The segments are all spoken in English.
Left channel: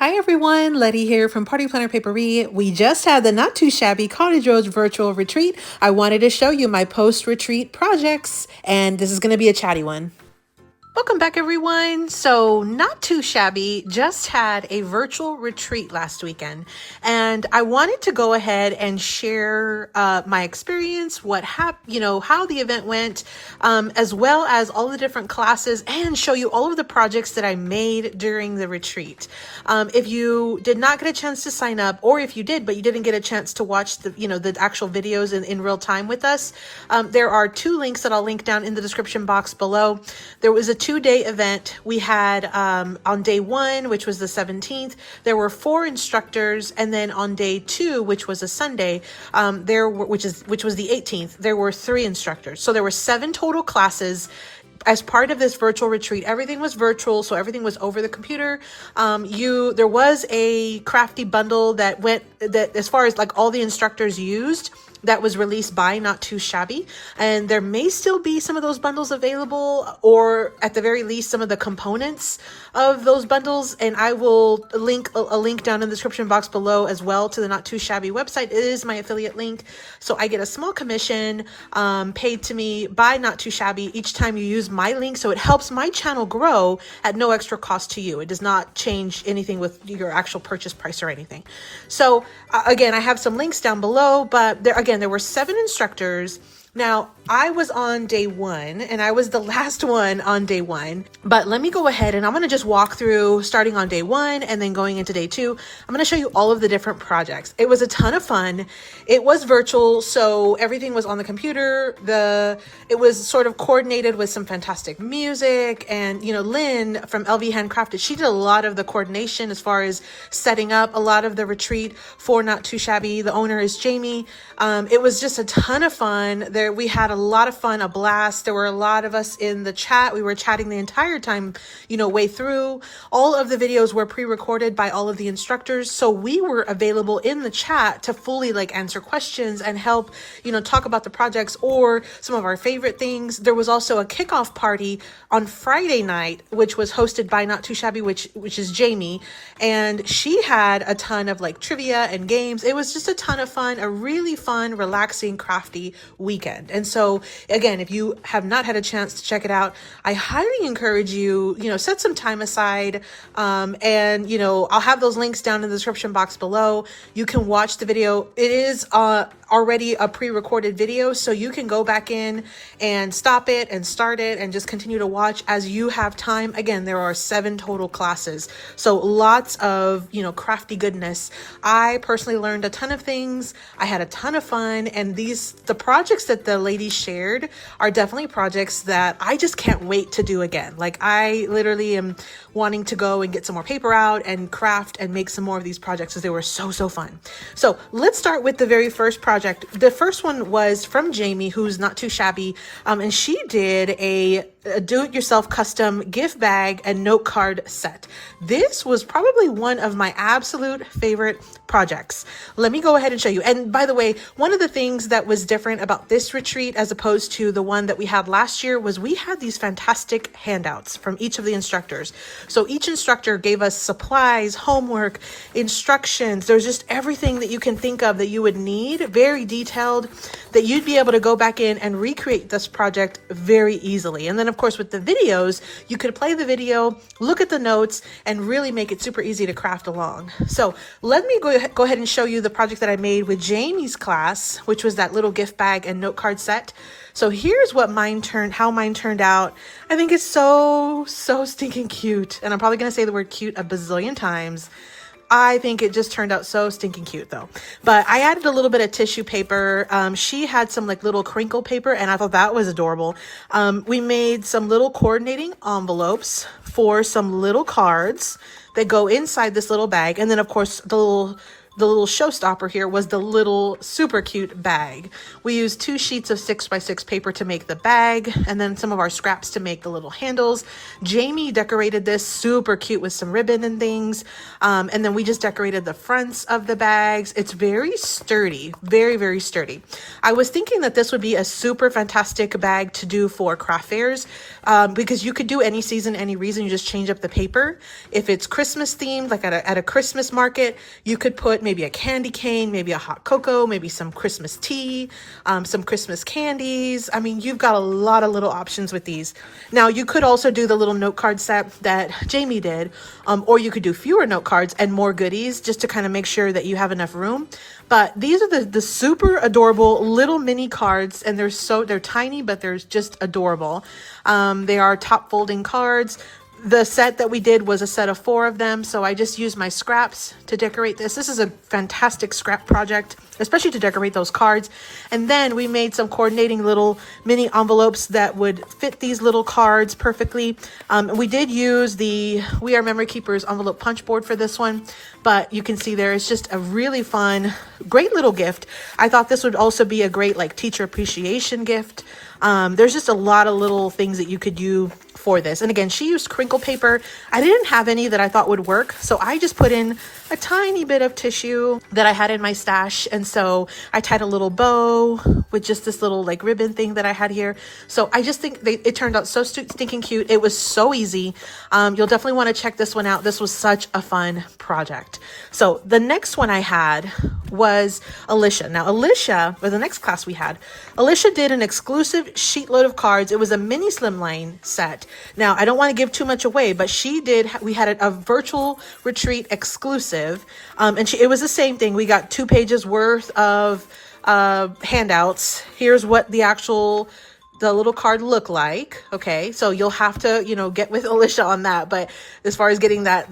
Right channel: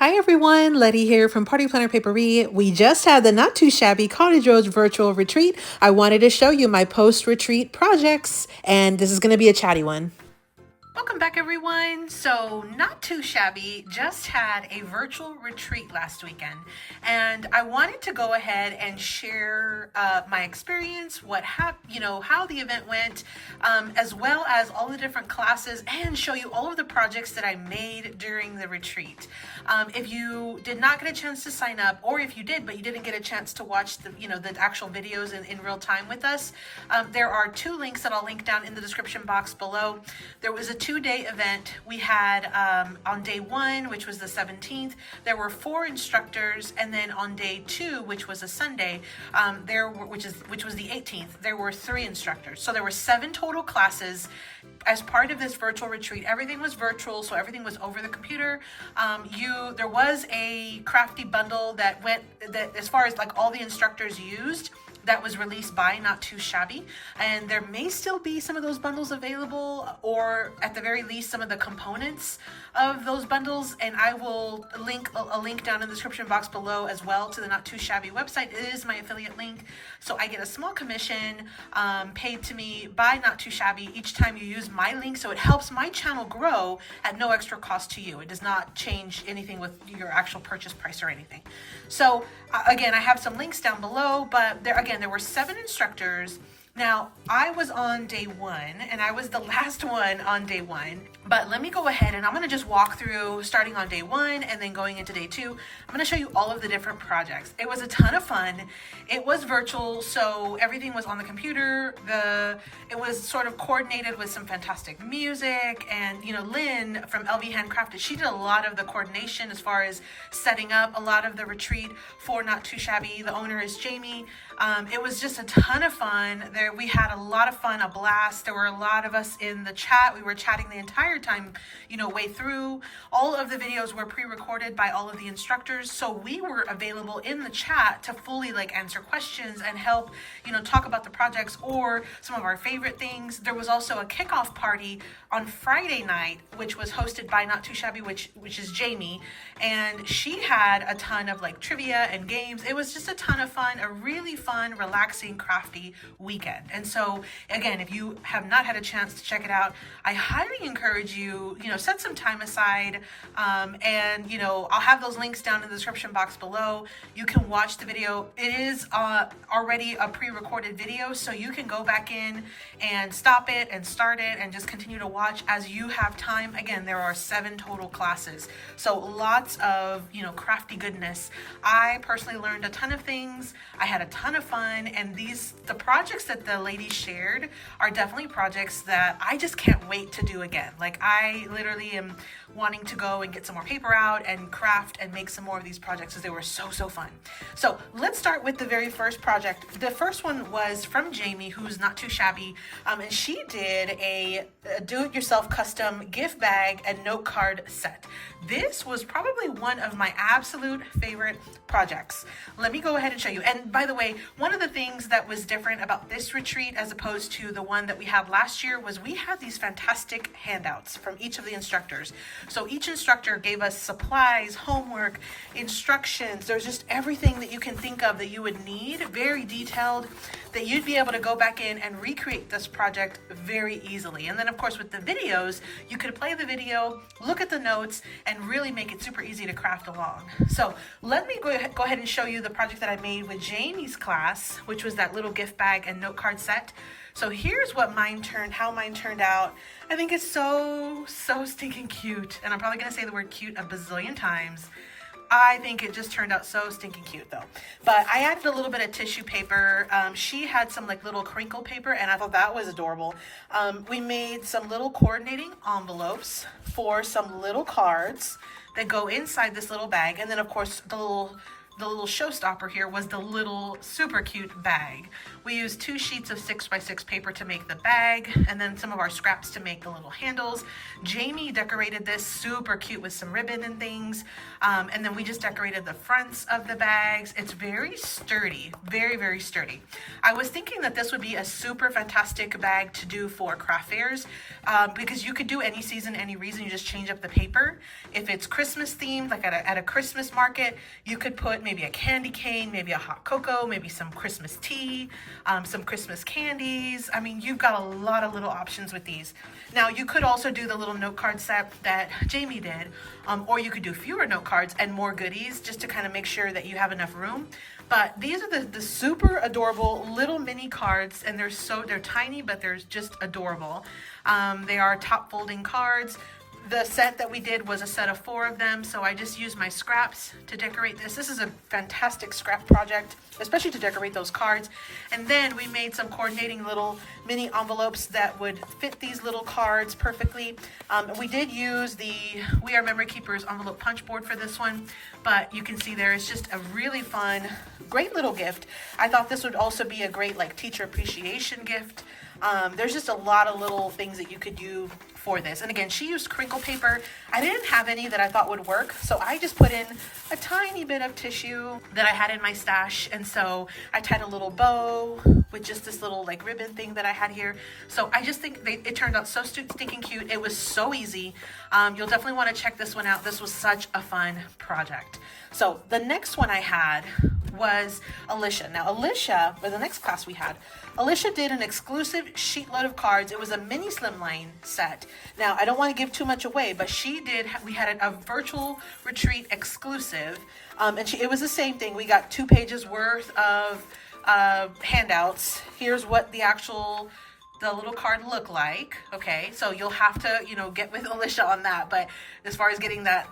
Hi everyone, Letty here from Party Planner Papery. We just had the Not Too Shabby Cottage virtual retreat. I wanted to show you my post-retreat projects, and this is going to be a chatty one. Welcome back everyone. So Not Too Shabby just had a virtual retreat last weekend, and I wanted to go ahead and share my experience, how the event went, as well as all the different classes, and show you all of the projects that I made during the retreat. If you did not get a chance to sign up, or if you did but you didn't get a chance to watch the actual videos in real time with us, there are two links that I'll link down in the description box below. There was a 2-day event. We had on day 1, which was the 17th, there were 4 instructors, and then on day 2, which was a Sunday, which was the 18th, there were 3 instructors. So there were 7 total classes. As part of this virtual retreat, everything was virtual, so everything was over the computer. There was a Crafty bundle that as far as like all the instructors used, that was released by Not2Shabby, and there may still be some of those bundles available, or at the very least some of the components of those bundles, and I will link a link down in the description box below as well to the Not2Shabby website. It is my affiliate link, so I get a small commission paid to me by Not2Shabby each time you use my link, so it helps my channel grow at no extra cost to you. It does not change anything with your actual purchase price or anything. So again, I have some links down below, but there were 7 instructors. Now, I was on day 1, and I was the last one on day 1, but let me go ahead and I'm going to just walk through starting on day 1 and then going into day 2. I'm going to show you all of the different projects. It was a ton of fun. It was virtual, so everything was on the computer. It was sort of coordinated with some fantastic music, and Lynn from LV Handcrafted, she did a lot of the coordination as far as setting up a lot of the retreat for Not Too Shabby. The owner is Jamie. It was just a ton of fun. We had a lot of fun, a blast. There were a lot of us in the chat. We were chatting the entire time, way through. All of the videos were pre-recorded by all of the instructors, so we were available in the chat to fully answer questions and help, talk about the projects or some of our favorite things. There was also a kickoff party on Friday night, which was hosted by Not Too Shabby, which is Jamie, and she had a ton of trivia and games. It was just a ton of fun, a really fun, relaxing, crafty weekend. And so again, if you have not had a chance to check it out, I highly encourage you, set some time aside, and I'll have those links down in the description box below. You can watch the video. It is already a pre-recorded video, so you can go back in and stop it and start it and just continue to watch as you have time. Again, there are 7 total classes, so lots of crafty goodness. I personally learned a ton of things. I had a ton of fun, and the projects that the ladies shared are definitely projects that I just can't wait to do again. I literally am wanting to go and get some more paper out and craft and make some more of these projects, because they were so fun. So let's start with the very first project. The first one was from Jamie, who's Not Too Shabby, and she did a do-it-yourself custom gift bag and note card set. This was probably one of my absolute favorite projects. Let me go ahead and show you. And by the way, one of the things that was different about this retreat as opposed to the one that we had last year was we had these fantastic handouts from each of the instructors. So each instructor gave us supplies, homework, instructions. There's just everything that you can think of that you would need, very detailed, that you'd be able to go back in and recreate this project very easily. And then of course with the videos, you could play the video, look at the notes, and really make it super easy to craft along. So let me go ahead and show you the project that I made with Jamie's class, which was that little gift bag and note card set. So here's what how mine turned out. I think it's so stinking cute. And I'm probably gonna say the word cute a bazillion times. I think it just turned out so stinking cute though. But I added a little bit of tissue paper. She had some little crinkle paper, and I thought that was adorable. We made some little coordinating envelopes for some little cards that go inside this little bag. And then of course the the little showstopper here was the little super cute bag. We used 2 sheets of 6x6 paper to make the bag, and then some of our scraps to make the little handles. Jamie decorated this super cute with some ribbon and things. And then we just decorated the fronts of the bags. It's very sturdy, very, very sturdy. I was thinking that this would be a super fantastic bag to do for craft fairs, because you could do any season, any reason, you just change up the paper. If it's Christmas themed, like at a Christmas market, you could put maybe a candy cane, maybe a hot cocoa, maybe some Christmas tea, some Christmas candies. I mean, you've got a lot of little options with these. Now, you could also do the little note card set that Jamie did, or you could do fewer note cards and more goodies just to kind of make sure that you have enough room. But these are the super adorable little mini cards, and they're tiny, but they're just adorable. They are top folding cards. The set that we did was a set of 4 of them, so I just used my scraps to decorate this. This is a fantastic scrap project, especially to decorate those cards. And then we made some coordinating little mini envelopes that would fit these little cards perfectly. We did use the We Are Memory Keepers envelope punch board for this one, but you can see there it's just a really fun, great little gift. I thought this would also be a great like teacher appreciation gift. There's just a lot of little things that you could do for this. And again, she used crinkle paper. I didn't have any that I thought would work, so I just put in a tiny bit of tissue that I had in my stash. And so I tied a little bow with just this little like ribbon thing that I had here. So I just think it turned out so stinking cute. It was so easy. You'll definitely want to check this one out. This was such a fun project. So the next one I had was Alicia. Now Alicia, for the next class we had, Alicia did an exclusive sheet load of cards. It was a mini slimline set. Now I don't want to give too much away, but we had a virtual retreat exclusive. And it was the same thing. We got 2 pages worth of handouts. Here's what the little card look like. Okay, so you'll have to, get with Alicia on that. But as far as getting that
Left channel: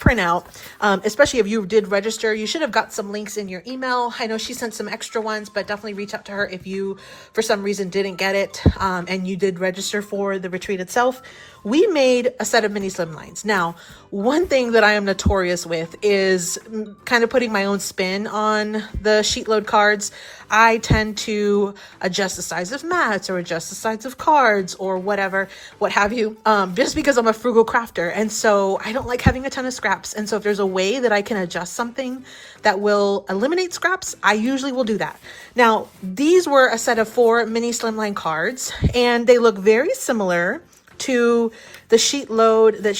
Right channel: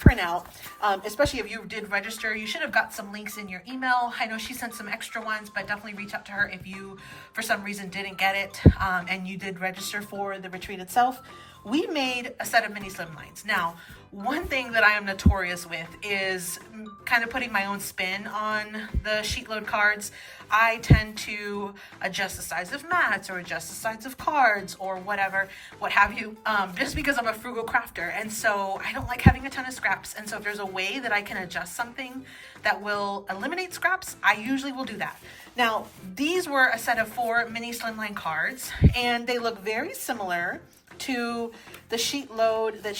printout, especially if you did register, you should have got some links in your email. I know she sent some extra ones, but definitely reach out to her if you, for some reason, didn't get it and you did register for the retreat itself. We made a set of mini slimlines. Now, one thing that I am notorious with is kind of putting my own spin on the sheet load cards. I tend to adjust the size of mats or adjust the size of cards or whatever, what have you, just because I'm a frugal crafter. And so I don't like having a ton of scraps. And so if there's a way that I can adjust something that will eliminate scraps, I usually will do that. Now, these were a set of 4 mini slimline cards, and they look very similar to the sheet load that,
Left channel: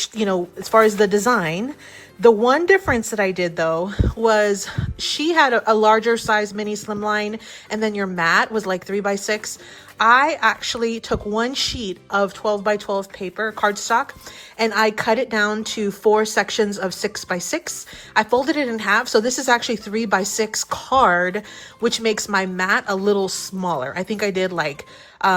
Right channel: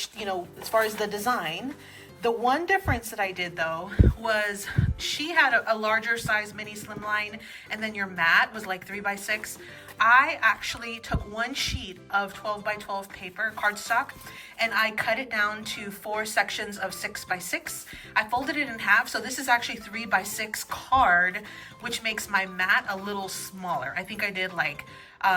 as far as the design. The one difference that I did though was she had a larger size mini slimline, and then your mat was like 3x6. I actually took 1 sheet of 12x12 paper cardstock and I cut it down to 4 sections of 6x6. I folded it in half, so this is actually 3x6 card, which makes my mat a little smaller. I think I did like 2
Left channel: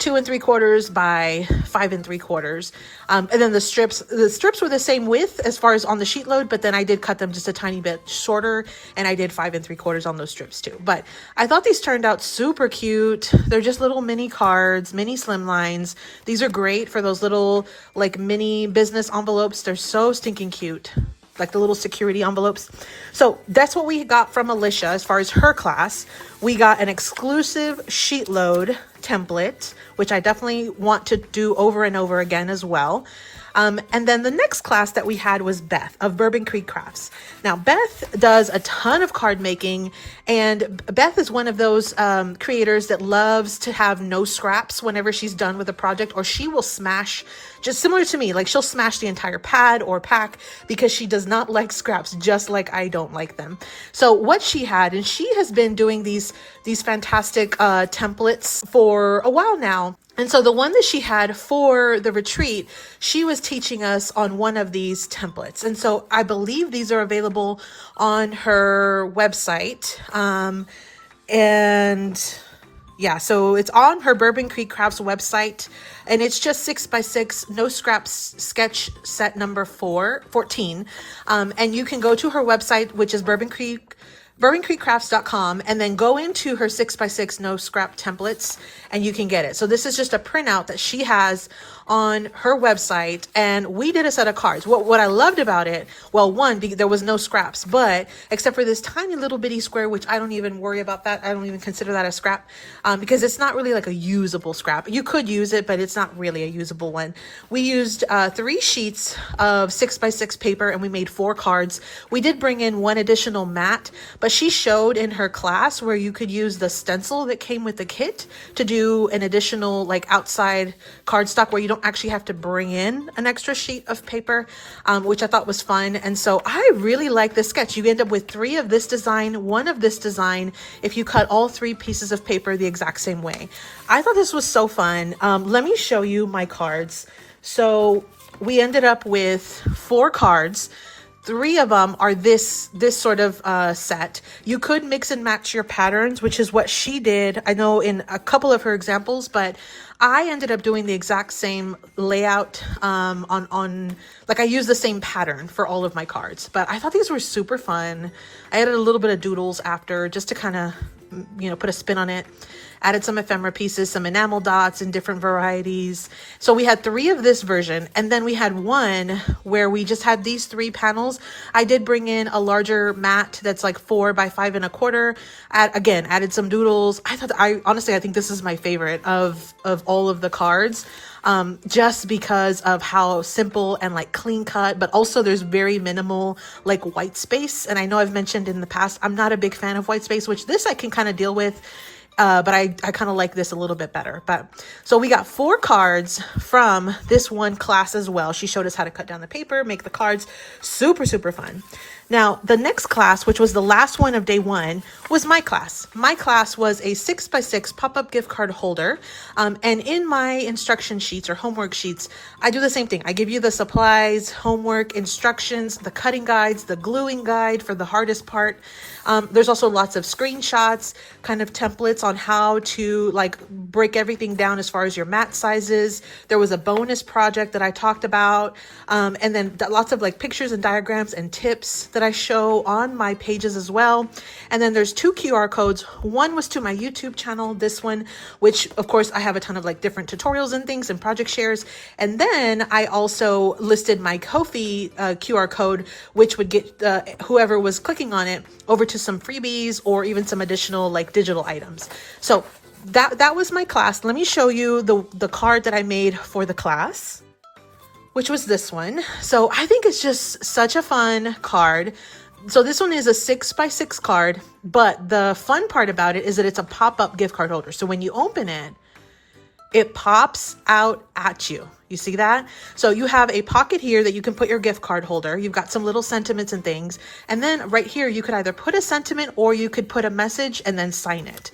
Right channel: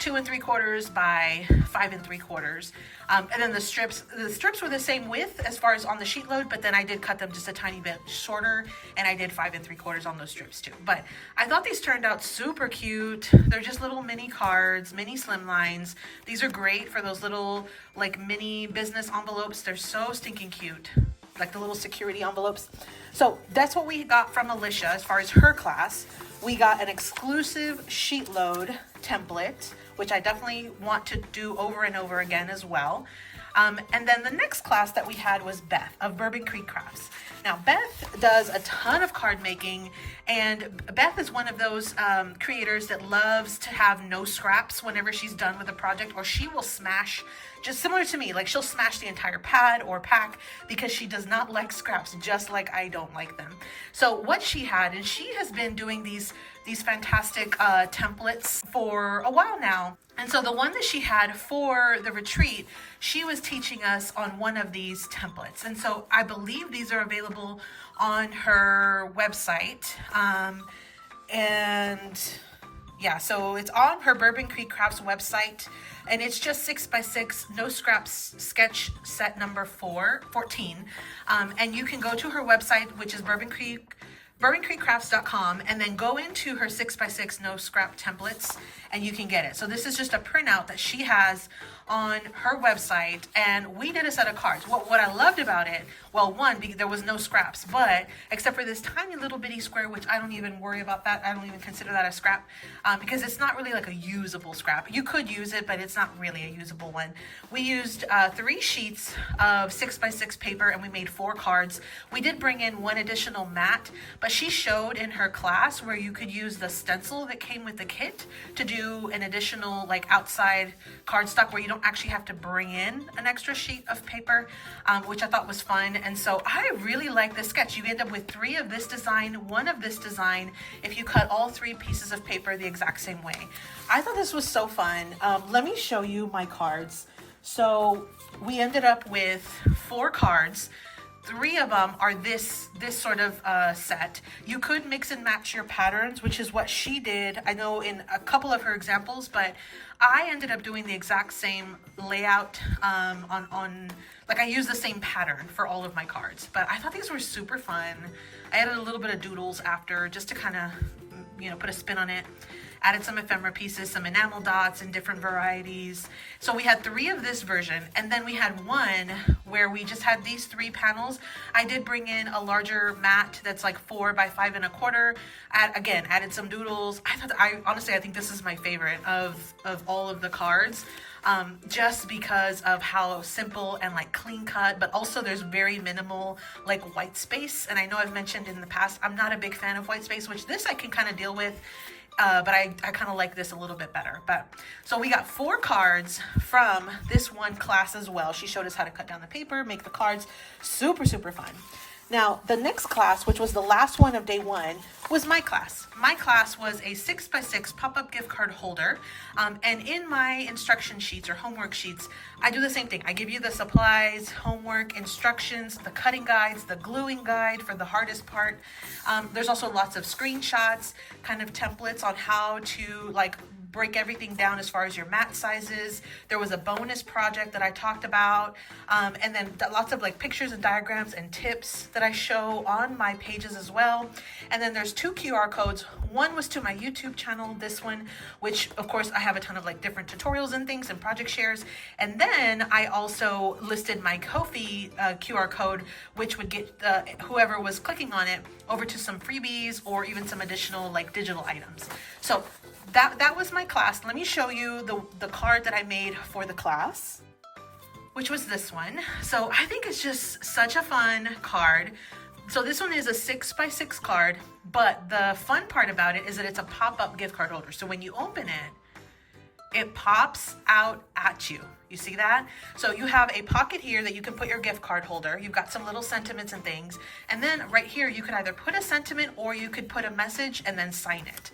3/4 by 5 3/4. And then the strips were the same width as far as on the sheet load, but then I did cut them just a tiny bit shorter, and I did 5 3/4 on those strips too. But I thought these turned out super cute. They're just little mini cards, mini slimlines. These are great for those little like mini business envelopes. They're so stinking cute, like the little security envelopes. So that's what we got from Alicia as far as her class. We got an exclusive sheet load template, which I definitely want to do over and over again as well. And then the next class that we had was Beth of Bourbon Creek Crafts. Now, Beth does a ton of card making, and Beth is one of those creators that loves to have no scraps whenever she's done with a project, or she will smash, just similar to me, like she'll smash the entire pad or pack because she does not like scraps, just like I don't like them. So what she had, and she has been doing these fantastic templates for a while now. And so the one that she had for the retreat, she was teaching us on one of these templates. And so I believe these are available on her website. And yeah, so it's on her Bourbon Creek Crafts website, and it's just 6x6, no scraps sketch set number 14. And you can go to her website, which is Bourbon Creek BourbonCreekCrafts.com, and then go into her 6x6 no scrap templates and you can get it. So this is just a printout that she has on her website, and we did a set of cards. What I loved about it, well, one, there was no scraps, but except for this tiny little bitty square, which I don't even worry about that. I don't even consider that a scrap because it's not really like a usable scrap. You could use it, but it's not really a usable one. We used 3 sheets of 6x6 paper and we made 4 cards. We did bring in 1 additional mat, but she showed in her class where you could use the stencil that came with the kit to do an additional like outside cardstock where you don't actually have to bring in an extra sheet of paper, which I thought was fun. And so I really like this sketch. You end up with 3 of this design, 1 of this design, if you cut all 3 pieces of paper the exact same way. I thought this was so fun. Let me show you my cards. So we ended up with 4 cards. 3 of them are this sort of set. You could mix and match your patterns, which is what she did, I know, in a couple of her examples, but I ended up doing the exact same layout on like I used the same pattern for all of my cards. But I thought these were super fun. I added a little bit of doodles after just to kind of, you know, put a spin on it. Added some ephemera pieces, some enamel dots in different varieties. So we had 3 of this version, and then we had 1 where we just had these 3 panels. I did bring in a larger mat that's like 4 by 5 1/4. Again, added some doodles. Honestly, I think this is my favorite of all of the cards. Just because of how simple and like clean cut, but also there's very minimal like white space. And I know I've mentioned in the past, I'm not a big fan of white space, which this I can kind of deal with. But I kind of like this a little bit better. But so we got 4 cards from this one class as well. She showed us how to cut down the paper, make the cards. Super, super fun. Now, the next class, which was the last one of day 1, was my class. My class was a 6x6 pop-up gift card holder. And in my instruction sheets or homework sheets, I do the same thing. I give you the supplies, homework, instructions, the cutting guides, the gluing guide for the hardest part. There's also lots of screenshots, kind of templates on how to like break everything down as far as your mat sizes. There was a bonus project that I talked about. And then lots of like pictures and diagrams and tips that I show on my pages as well. And then there's 2 QR codes. One was to my YouTube channel, this one, which of course I have a ton of like different tutorials and things and project shares. And then I also listed my Ko-fi QR code, which would get whoever was clicking on it over to some freebies or even some additional like digital items. So that was my class. Let me show you the card that I made for the class, which was this one. So I think it's just such a fun card. So this one is a 6x6 card, but the fun part about it is that it's a pop-up gift card holder. So when you open it, it pops out at you. You see that? So you have a pocket here that you can put your gift card holder. You've got some little sentiments and things. And then right here, you could either put a sentiment or you could put a message and then sign it.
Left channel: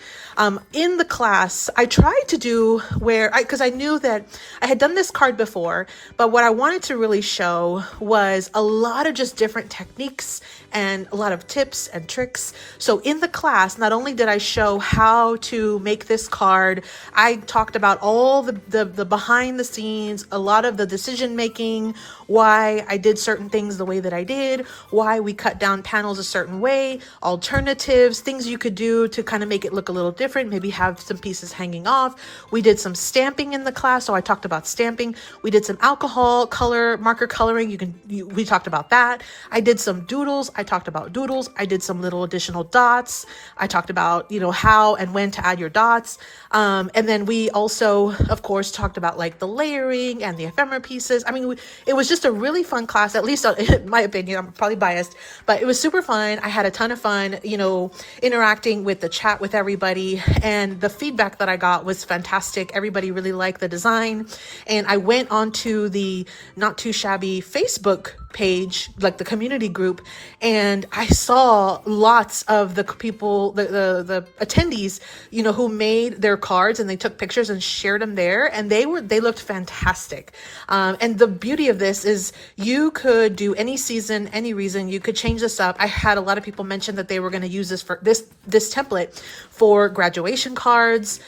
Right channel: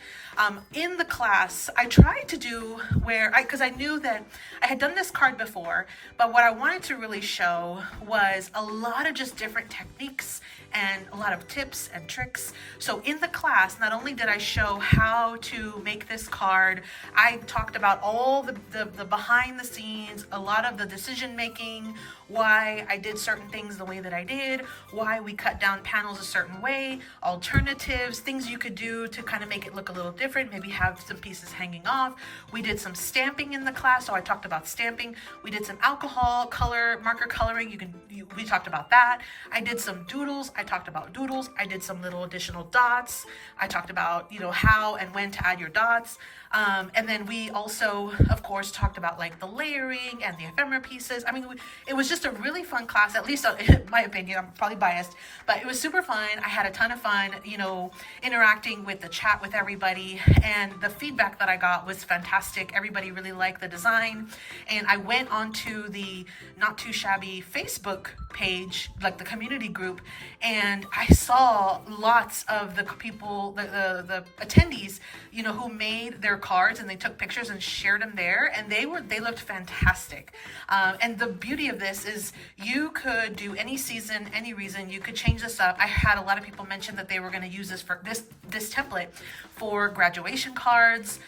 In the class, I tried to do because I knew that I had done this card before, but what I wanted to really show was a lot of just different techniques and a lot of tips and tricks. So in the class, not only did I show how to make this card, I talked about all the behind the scenes, a lot of the decision making, why I did certain things the way that I did, why we cut down panels a certain way, alternatives, things you could do to kind of make it look a little different, maybe have some pieces hanging off. We did some stamping in the class, so I talked about stamping. We did some alcohol color, marker coloring. We talked about that. I did some doodles. I talked about doodles. I did some little additional dots. I talked about, how and when to add your dots. And then we also, of course, talked about like the layering and the ephemera pieces. I mean, it was just a really fun class, at least in my opinion. I'm probably biased, but it was super fun. I had a ton of fun, interacting with the chat with everybody, and the feedback that I got was fantastic. Everybody really liked the design. And I went onto the Not2Shabby Facebook page, like the community group, and I saw lots of the people, the attendees, who made their cards, and they took pictures and shared them there, and they looked fantastic. fantastic. And the beauty of this is you could do any season, any reason. You could change this up. I had a lot of people mention that they were going to use this for this template for graduation cards.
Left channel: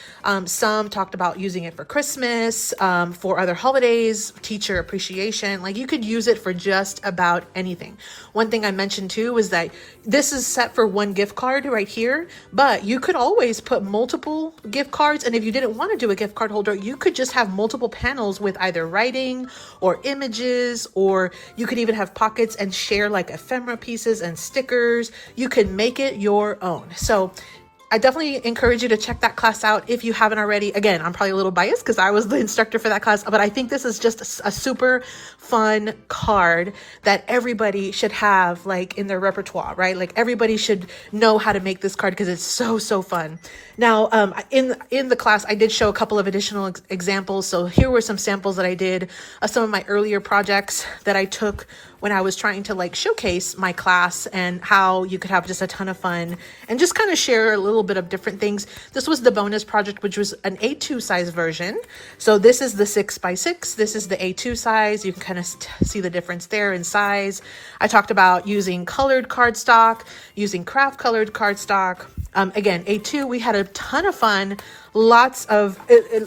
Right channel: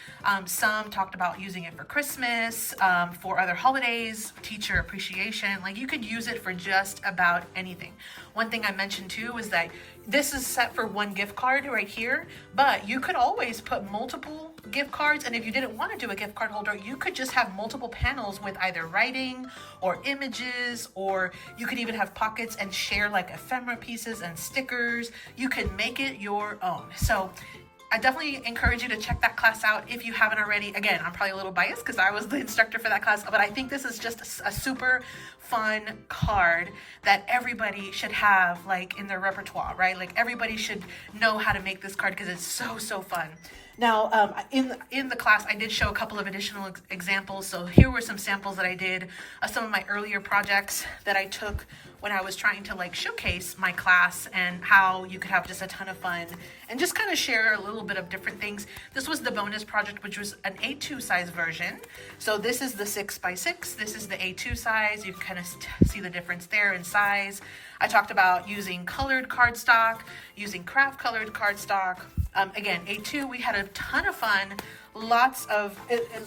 Some talked about using it for Christmas, for other holidays, teacher appreciation. Like, you could use it for just about anything. One thing I mentioned too was that this is set for one gift card right here, but you could always put multiple gift cards. And if you didn't want to do a gift card holder, you could just have multiple panels with either writing or images, or you could even have pockets and share like ephemera pieces and stickers. You could make it your own. So I definitely encourage you to check that class out if you haven't already. Again, I'm probably a little biased because I was the instructor for that class, but I think this is just a super fun card that everybody should have like in their repertoire, right? Like, everybody should know how to make this card because it's so, so fun. Now, in the class, I did show a couple of additional examples. So here were some samples that I did of some of my earlier projects that I took when I was trying to like showcase my class and how you could have just a ton of fun and just kind of share a little bit of different things. This was the bonus project, which was an A2 size version. So this is the 6x6. This is the A2 size. You can kind of see the difference there in size. I talked about using colored cardstock, using craft colored cardstock. Again, A2, we had a ton of fun. Lots of,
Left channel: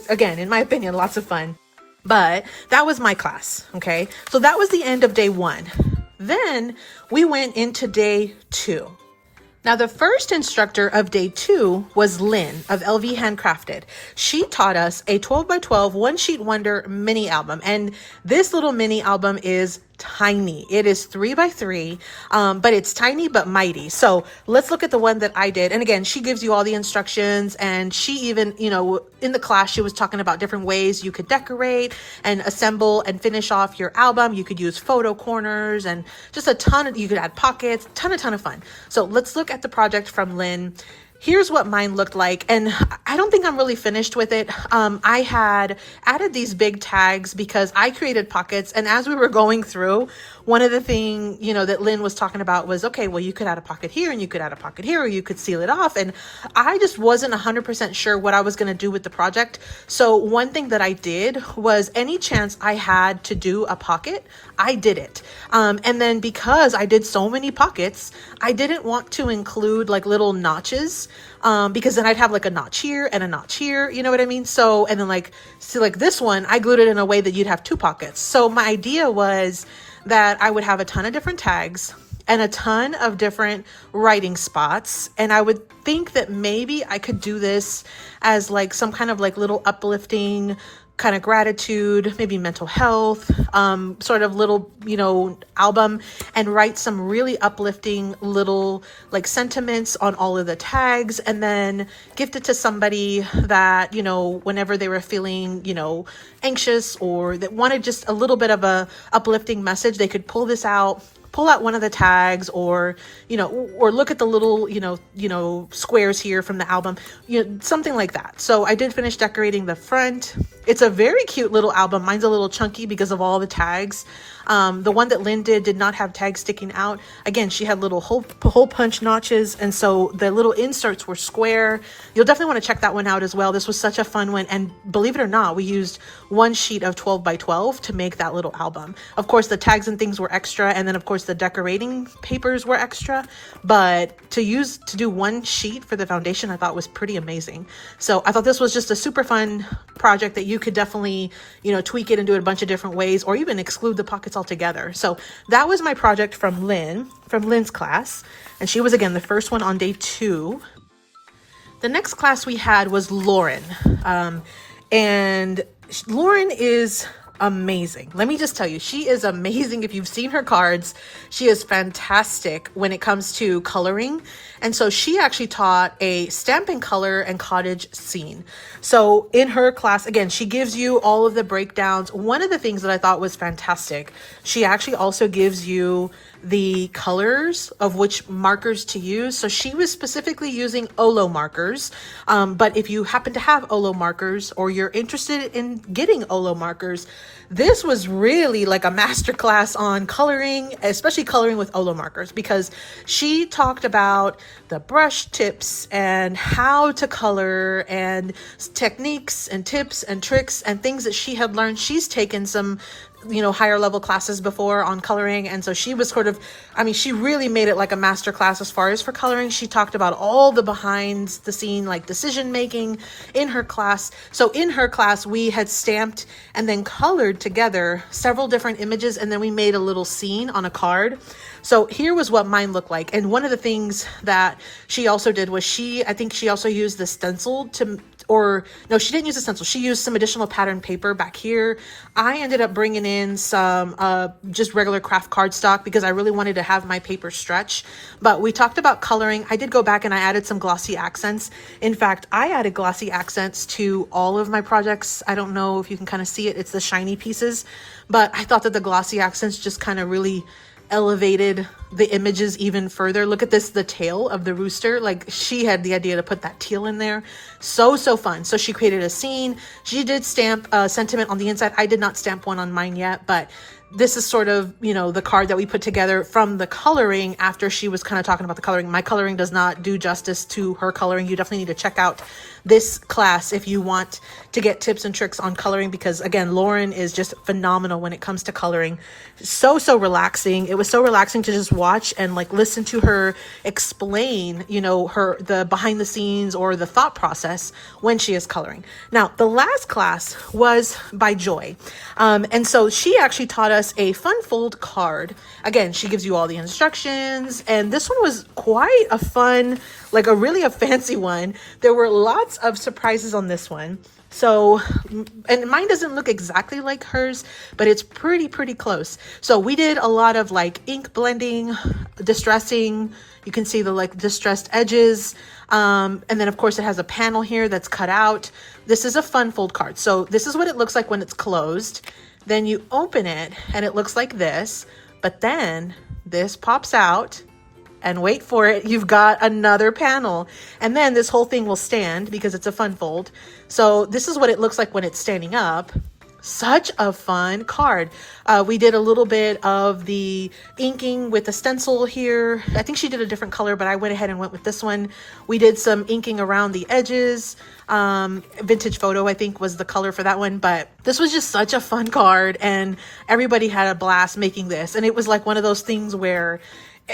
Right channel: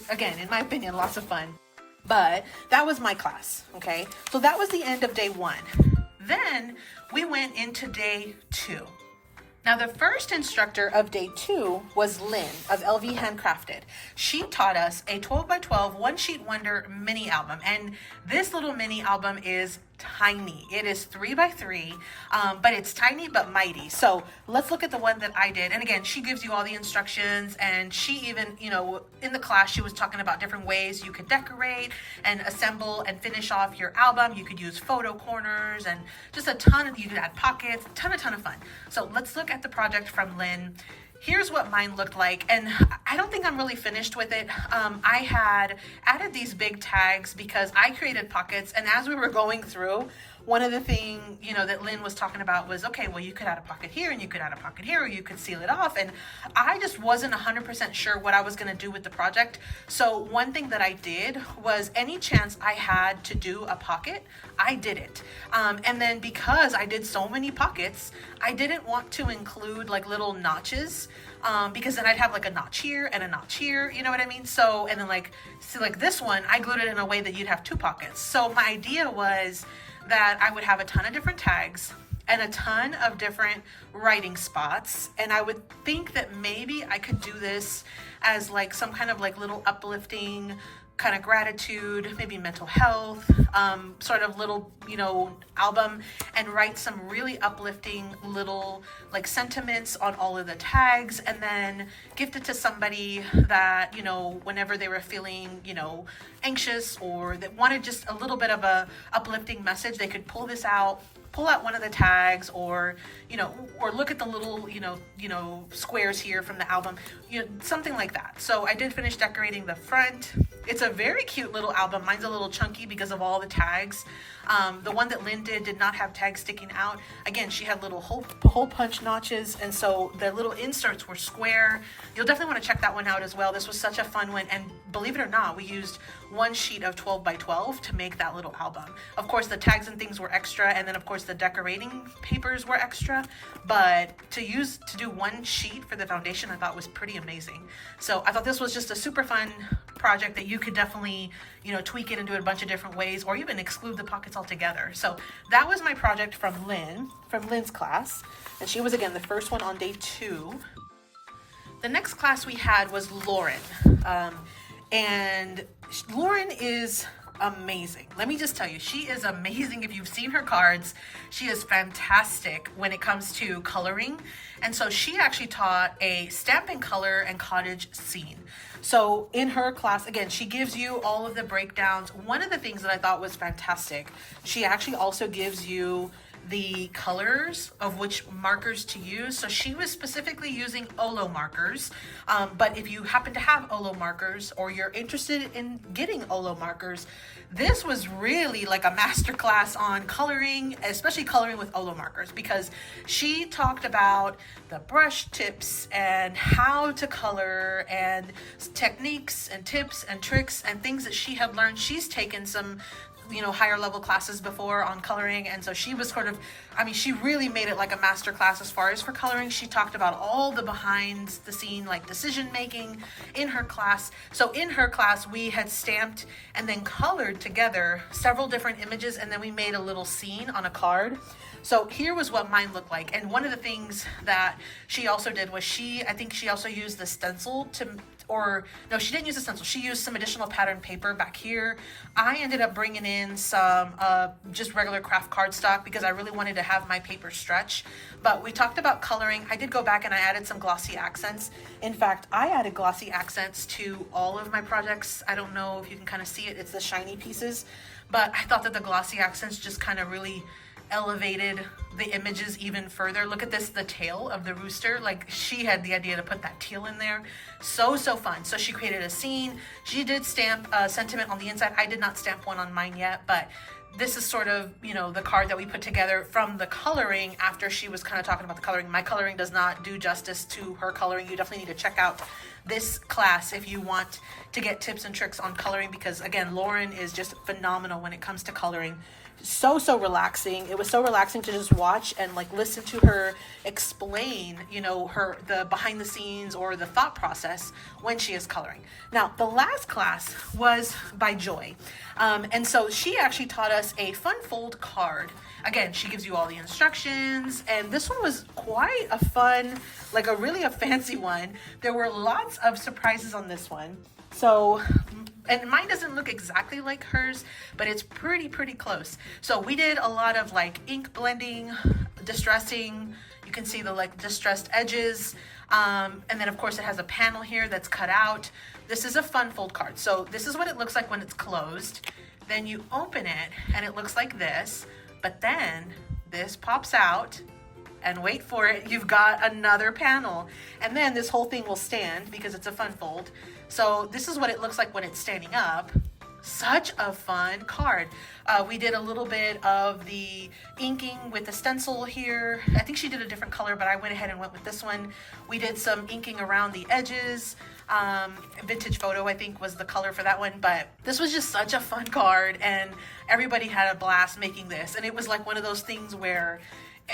again, in my opinion, lots of fun. But that was my class, okay? So that was the end of day 1. Then we went into day 2. Now, the first instructor of day 2 was Lynn of LV Handcrafted. She taught us a 12x12 one-sheet wonder mini album. And this little mini album is tiny. It is 3x3, but it's tiny but mighty. So let's look at the one that I did. And again, she gives you all the instructions, and she even, you know, in the class, she was talking about different ways you could decorate and assemble and finish off your album. You could use photo corners and just a ton of, you could add pockets, ton of fun. So let's look at the project from Lynn. Here's what mine looked like, and I don't think I'm really finished with it. I had added these big tags because I created pockets, and as we were going through, one of the things, you know, that Lynn was talking about was, okay, well, you could add a pocket here and you could add a pocket here, or you could seal it off. And I just wasn't 100% sure what I was going to do with the project. So one thing that I did was, any chance I had to do a pocket, I did it. And then because I did so many pockets, I didn't want to include like little notches, because then I'd have like a notch here and a notch here, you know what I mean? So, and then like, see, like this one, I glued it in a way that you'd have 2 pockets. So my idea was that I would have a ton of different tags and a ton of different writing spots. And I would think that maybe I could do this as like some kind of like little uplifting kind of gratitude, maybe mental health, sort of little, you know, album, and write some really uplifting little like sentiments on all of the tags, and then gift it to somebody that, you know, whenever they were feeling, you know, anxious or that wanted just a little bit of a uplifting message, they could pull this out, pull out one of the tags, or, you know, or look at the little, you know, squares here from the album, you know, something like that. So I did finish decorating the front. It's a very cute little album. Mine's a little chunky because of all the tags. The one that Lynn did not have tags sticking out. Again, she had little hole punch notches, and so the little inserts were square. You'll definitely want to check that one out as well. This was such a fun one, and believe it or not, we used one sheet of 12x12 to make that little album. Of course, the tags and things were extra, and then of course the decorating papers were extra, but to do one sheet for the foundation, I thought was pretty amazing. So I thought this was just a super fun project that you could definitely, you know, tweak it and do it a bunch of different ways, or even exclude the pockets altogether. So that was my project from Lynn's class, and she was again the first one on day 2. The next class we had was Lauren, and Lauren is amazing. Let me just tell you, she is amazing. If you've seen her cards, she is fantastic when it comes to coloring. And so she actually taught a stamping color and cottage scene. So in her class, again, she gives you all of the breakdowns. One of the things that I thought was fantastic, she actually also gives you the colors of which markers to use. So she was specifically using Olo markers. But if you happen to have Olo markers or you're interested in getting Olo markers, this was really like a masterclass on coloring, especially coloring with Olo markers, because she talked about the brush tips and how to color and techniques and tips and tricks and things that she had learned. She's taken some, you know, higher level classes before on coloring, and so she was sort of, I mean, she really made it like a master class as far as for coloring. She talked about all the behind the scene like decision making in her class. So in her class we had stamped and then colored together several different images, and then we made a little scene on a card. So here was what mine looked like. And one of the things that she also did was I think she also used the stencil or no, she didn't use a stencil. She used some additional pattern paper back here. I ended up bringing in some just regular craft cardstock because I really wanted to have my paper stretch. But we talked about coloring. I did go back and I added some glossy accents. In fact, I added glossy accents to all of my projects. I don't know if you can kind of see it. It's the shiny pieces, but I thought that the glossy accents just kind of really elevated the images even further. Look at this, the tail of the rooster. Like, she had the idea to put that teal in there. So fun. So she created a scene. She did stamp a sentiment on the inside. I did not stamp one on mine yet, but this is sort of, you know, the card that we put together from the coloring after she was kind of talking about the coloring. My coloring does not do justice to her coloring. You definitely need to check out this class if you want to get tips and tricks on coloring, because again, Lauren is just phenomenal when it comes to coloring. So relaxing. It was so relaxing to just watch and like listen to her explain, you know, the behind the scenes or the thought process when she is coloring. Now, the last class was by Joy. And so she actually taught us a fun fold card. Again, she gives you all the instructions, and this one was quite a fun, like a fancy one. There were lots of surprises on this one. So, and mine doesn't look exactly like hers, but it's pretty close. So we did a lot of like ink blending, distressing. You can see the like distressed edges. And then of course it has a panel here that's cut out. This is a fun fold card. So this is what it looks like when it's closed. Then you open it and it looks like this, but then this pops out. And wait for it, you've got another panel. And then this whole thing will stand because it's a fun fold. So this is what it looks like when it's standing up. Such a fun card. We did a little bit of the inking with the stencil here. I think she did a different color, but I went ahead and went with this one. We did some inking around the edges. Vintage photo, I think, was the color for that one. But this was just such a fun card, and everybody had a blast making this. And it was like one of those things where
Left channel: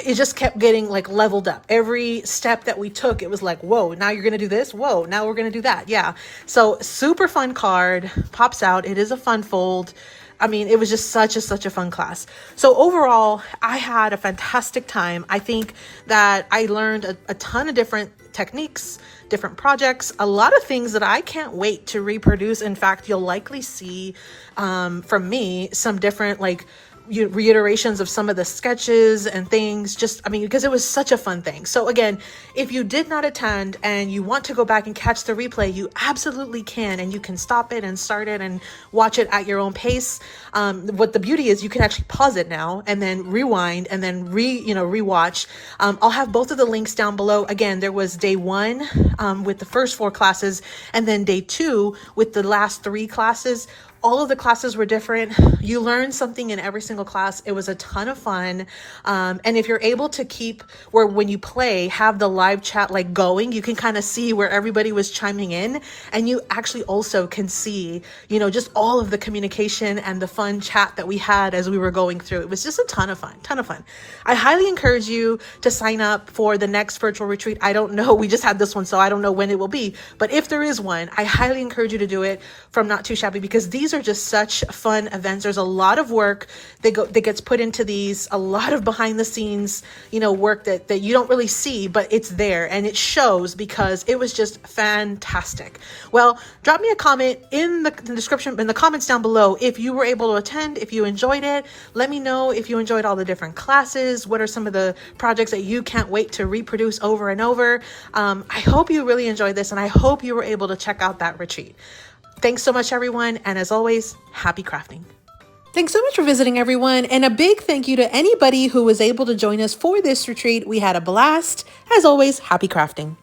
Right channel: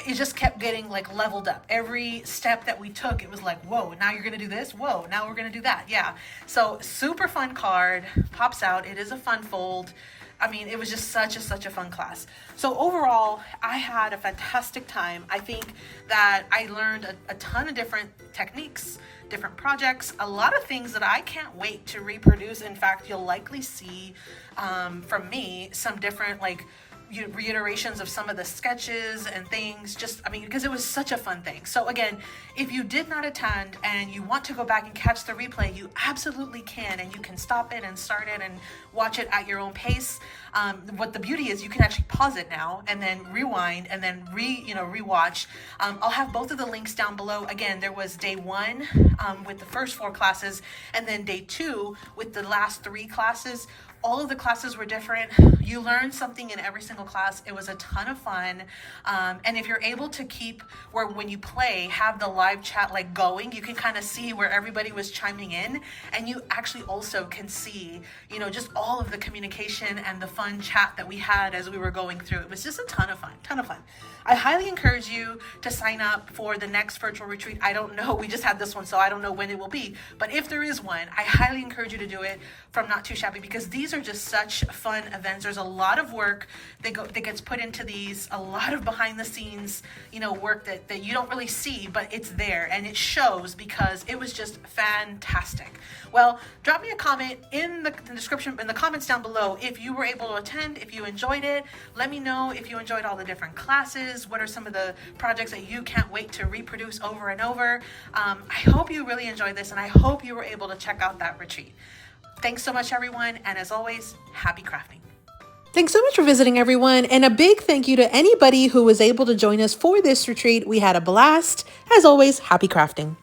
it just kept getting like leveled up. Every step that we took, it was like, whoa, now you're gonna do this. Whoa, now we're gonna do that. Yeah. So super fun card, pops out. It is a fun fold. I mean, it was just such a fun class. So overall, I had a fantastic time. I think that I learned a ton of different techniques, different projects, a lot of things that I can't wait to reproduce. In fact, you'll likely see from me some different like reiterations of some of the sketches and things, just, I mean, because it was such a fun thing. So again, if you did not attend and you want to go back and catch the replay, you absolutely can, and you can stop it and start it and watch it at your own pace. What the beauty is, you can actually pause it now and then rewind and then rewatch. I'll have both of the links down below. Again, there was day 1 with the first 4 classes, and then day 2 with the last 3 classes. All of the classes were different. You learned something in every single class. It was a ton of fun. And if you're able to keep where when you play, have the live chat like going, you can kind of see where everybody was chiming in. And you actually also can see, you know, just all of the communication and the fun chat that we had as we were going through. It was just a ton of fun. I highly encourage you to sign up for the next virtual retreat. I don't know. We just had this one, so I don't know when it will be. But if there is one, I highly encourage you to do it from Not2Shabby, because these are just such fun events. There's a lot of work that gets put into these, a lot of behind the scenes, you know, work that you don't really see, but it's there and it shows because it was just fantastic. Well, drop me a comment in the description, in the comments down below, if you were able to attend, if you enjoyed it. Let me know if you enjoyed all the different classes. What are some of the projects that you can't wait to reproduce over and over? I hope you really enjoyed this, and I hope you were able to check out that retreat. Thanks so much, everyone. And as always, happy crafting. Thanks so much for visiting, everyone, and a big thank you to anybody who was able to join us for this retreat. We had a blast. As always, happy crafting.